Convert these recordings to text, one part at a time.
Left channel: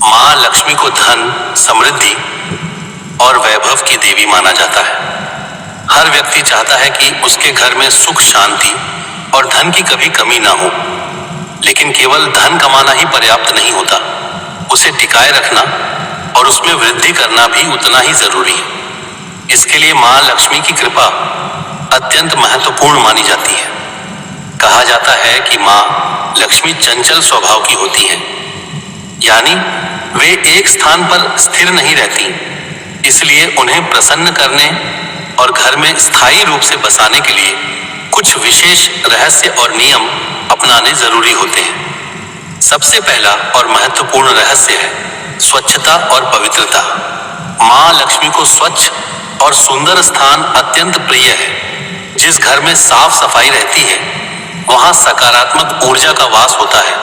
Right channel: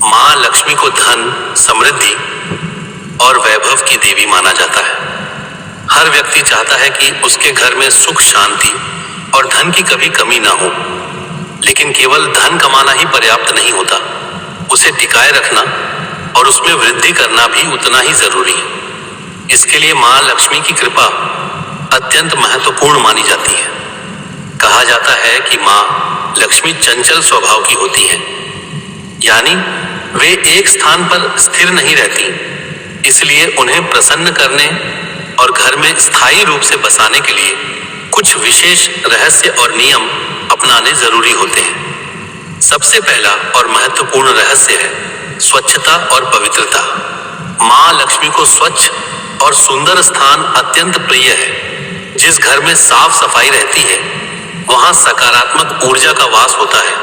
माँ लक्ष्मी को धन, समृद्धि और वैभव की देवी माना जाता है। हर व्यक्ति चाहता है कि उसके घर में सुख, शांति और धन की कभी कमी ना हो। लेकिन केवल धन कमाना ही पर्याप्त नहीं होता, उसे टिकाए रखना और उसमें वृद्धि करना भी उतना ही जरूरी है। इसके लिए माँ लक्ष्मी की कृपा अत्यंत महत्वपूर्ण मानी जाती है। कहा जाता है कि माँ लक्ष्मी चंचल स्वभाव की होती हैं, यानी वे एक स्थान पर स्थिर नहीं रहती। इसलिए उन्हें प्रसन्न करने और घर में स्थायी रूप से बसाने के लिए कुछ विशेष रहस्य और नियम अपनाने जरूरी होते हैं। सबसे पहला और महत्वपूर्ण रहस्य है स्वच्छता और पवित्रता। माँ लक्ष्मी को स्वच्छ और सुंदर स्थान अत्यंत प्रिय है। जिस घर में साफ सफाई रहती है वहां सकारात्मक ऊर्जा का वास होता है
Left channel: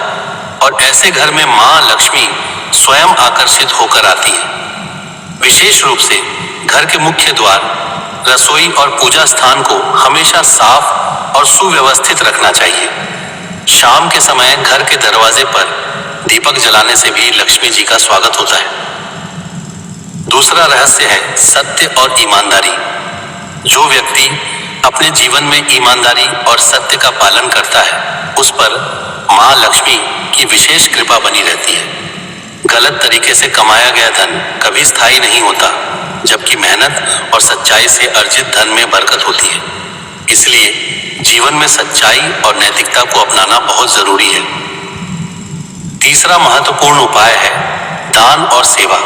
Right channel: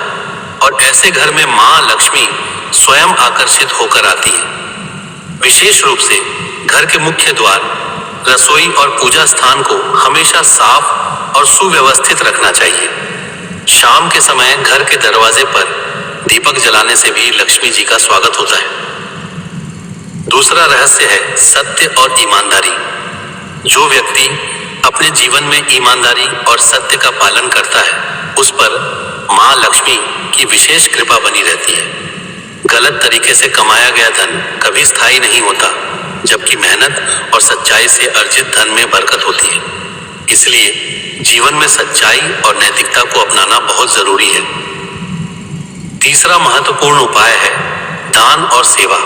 और ऐसे घर में माँ लक्ष्मी स्वयं आकर्षित होकर आती है। विशेष रूप से घर के मुख्य द्वार, रसोई और पूजा स्थान को हमेशा साफ और सुव्यवस्थित रखना चाहिए। शाम के समय घर के दरवाजे पर दीपक जलाने से भी लक्ष्मी जी का स्वागत होता है। दूसरा रहस्य है सत्य और ईमानदारी। जो व्यक्ति अपने जीवन में ईमानदारी और सत्य का पालन करता है उस पर माँ लक्ष्मी की विशेष कृपा बनी रहती है। गलत तरीके से कमाया गया धन कभी स्थायी नहीं होता, जबकि मेहनत और सच्चाई से अर्जित धन में बरकत होती है। इसलिए जीवन में सच्चाई और नैतिकता को अपनाना बहुत जरूरी है। तीसरा महत्वपूर्ण उपाय है दान और सेवा।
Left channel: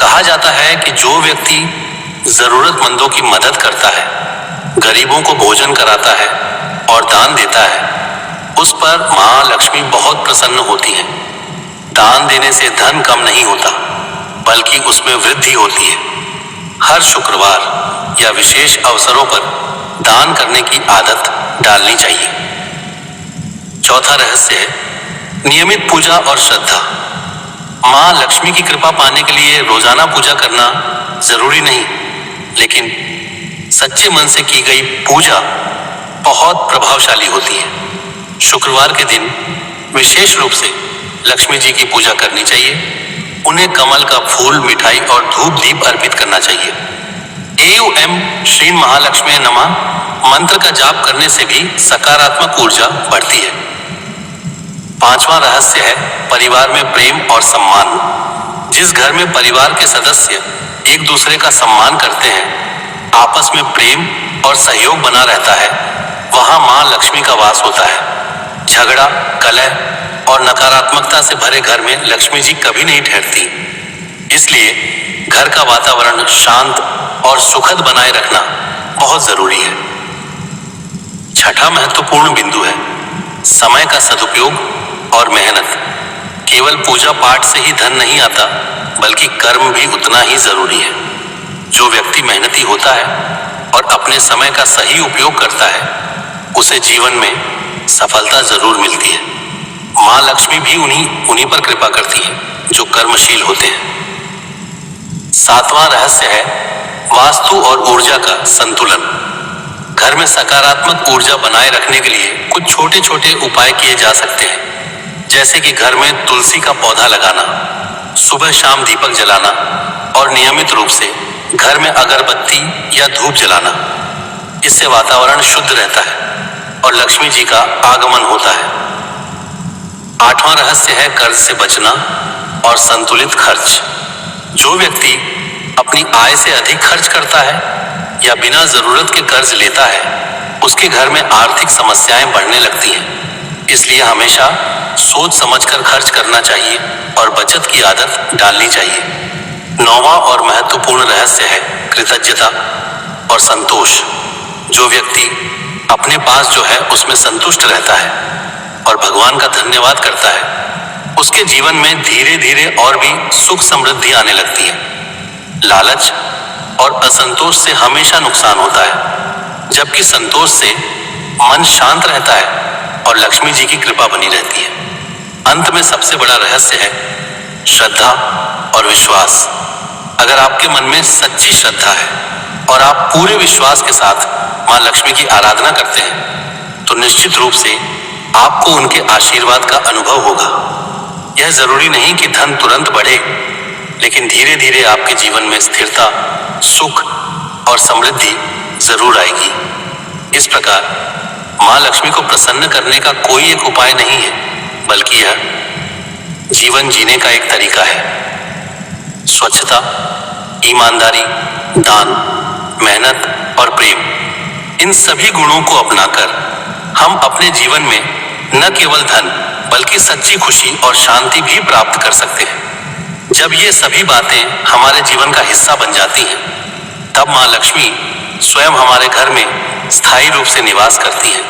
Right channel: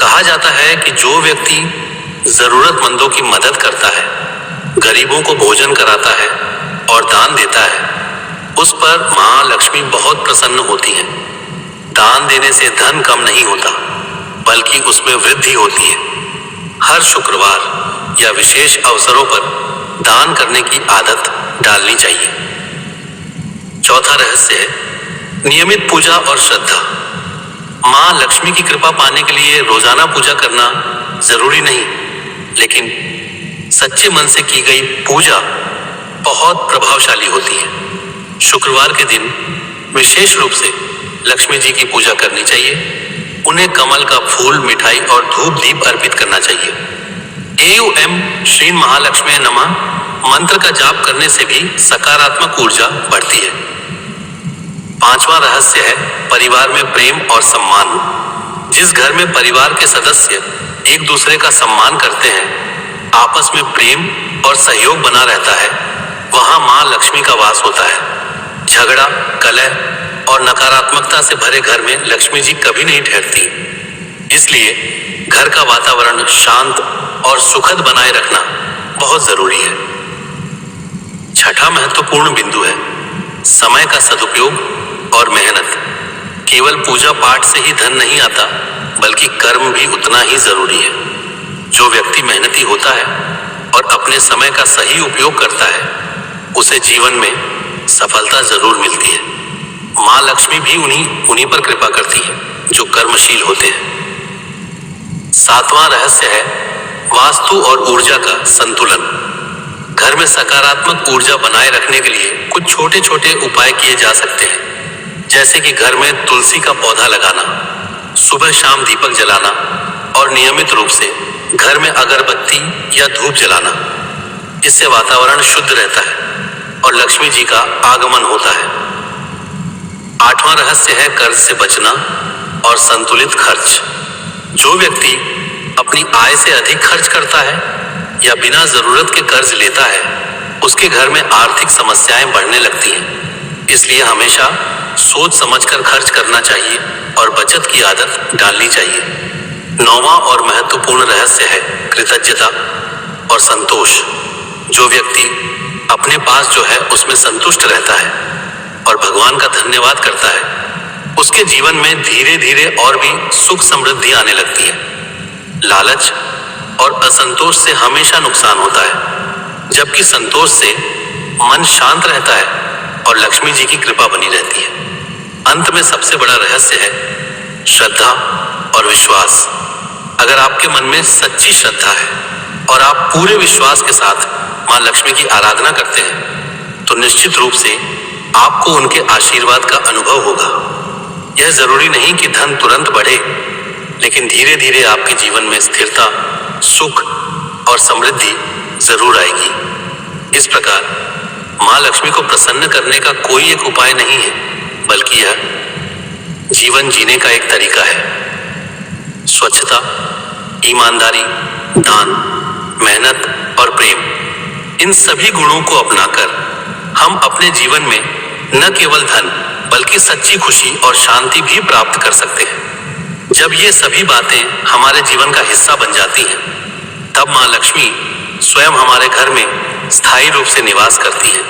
कहा जाता है कि जो व्यक्ति जरूरतमंदों की मदद करता है, गरीबों को भोजन कराता है और दान देता है, उस पर माँ लक्ष्मी बहुत प्रसन्न होती है। दान देने से धन कम नहीं होता, बल्कि उसमें वृद्धि होती है। हर शुक्रवार या विशेष अवसरों पर दान करने की आदत डालनी चाहिए। चौथा रहस्य है नियमित पूजा और श्रद्धा। माँ लक्ष्मी की कृपा पाने के लिए रोजाना पूजा करना जरूरी नहीं, लेकिन सच्चे मन से की गई पूजा बहुत प्रभावशाली होती है। शुक्रवार के दिन विशेष रूप से लक्ष्मी जी की पूजा करनी चाहिए। उन्हें कमल का फूल, मिठाई और धूप दीप अर्पित करना चाहिए। एम श्री महालक्ष्मी नमः मंत्र का जाप करने से भी सकारात्मक ऊर्जा बढ़ती है। पांचवा रहस्य है परिवार में प्रेम और सम्मान। जिस घर में परिवार के सदस्य एक दूसरे का सम्मान करते हैं, आपस में प्रेम और सहयोग बना रहता है, वहां माँ लक्ष्मी का वास होता है। झगड़ा, कलह और नकारात्मकता से भरे घर में लक्ष्मी जी कभी नहीं ठहरती। इसलिए घर का वातावरण शांत और सुखद बनाए रखना बहुत जरूरी है। छठा महत्वपूर्ण बिंदु है समय का सदुपयोग और मेहनत। केवल पूजा पाठ से ही धन नहीं आता, बल्कि कर्म भी उतना ही जरूरी है। जो व्यक्ति मेहनती होता है और अपने समय का सही उपयोग करता है, उसे जीवन में सफलता जरूर मिलती है। माँ लक्ष्मी भी उन्हीं पर कृपा करती है जो कर्मशील होते हैं। सातवां रहस्य है वास्तु और ऊर्जा का संतुलन। घर में सकारात्मक ऊर्जा बनाए रखने के लिए कुछ छोटे छोटे उपाय किए जा सकते हैं, जैसे कि घर में तुलसी का पौधा लगाना, सुबह शाम दीपक जलाना और नियमित रूप से घर में अगरबत्ती या धूप जलाना। इससे वातावरण शुद्ध रहता है और लक्ष्मी जी का आगमन होता है। आठवां रहस्य है कर्ज से बचना और संतुलित खर्च। जो व्यक्ति अपनी आय से अधिक खर्च करता है या बिना जरूरत के कर्ज लेता है, उसके घर में आर्थिक समस्याएं बढ़ने लगती हैं। इसलिए हमेशा सोच समझकर खर्च करना चाहिए और बचत की आदत डालनी चाहिए। नौवां और महत्वपूर्ण रहस्य है कृतज्ञता और संतोष। जो व्यक्ति अपने पास जो है उसमें संतुष्ट रहता है और भगवान का धन्यवाद करता है, उसके जीवन में धीरे धीरे और भी सुख समृद्धि आने लगती है। लालच और असंतोष से हमेशा नुकसान होता है, जबकि संतोष से मन शांत रहता है और लक्ष्मी जी की कृपा बनी रहती है। अंत में सबसे बड़ा रहस्य है श्रद्धा और विश्वास। अगर आपके मन में सच्ची श्रद्धा है और आप पूरे विश्वास के साथ माँ लक्ष्मी की आराधना करते हैं, तो निश्चित रूप से आपको उनके आशीर्वाद का अनुभव होगा। यह जरूरी नहीं कि धन तुरंत बढ़े, लेकिन धीरे धीरे आपके जीवन में स्थिरता, सुख और समृद्धि जरूर आएगी। इस प्रकार मां लक्ष्मी को प्रसन्न करने का कोई एक उपाय नहीं है, बल्कि यह जीवन जीने का एक तरीका है। स्वच्छता, ईमानदारी, दान, मेहनत और प्रेम, इन सभी गुणों को अपनाकर हम अपने जीवन में न केवल धन बल्कि सच्ची खुशी और शांति भी प्राप्त कर सकते हैं। जब ये सभी बातें हमारे जीवन का हिस्सा बन जाती हैं, तब मां लक्ष्मी स्वयं हमारे घर में स्थायी रूप से निवास करती है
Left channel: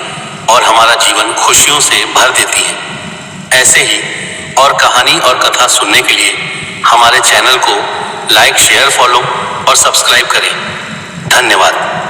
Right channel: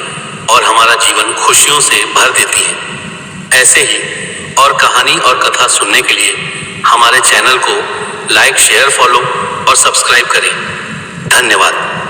और हमारा जीवन खुशियों से भर देती है। ऐसे ही और कहानी और कथा सुनने के लिए हमारे चैनल को लाइक, शेयर, फॉलो और सब्सक्राइब करें। धन्यवाद।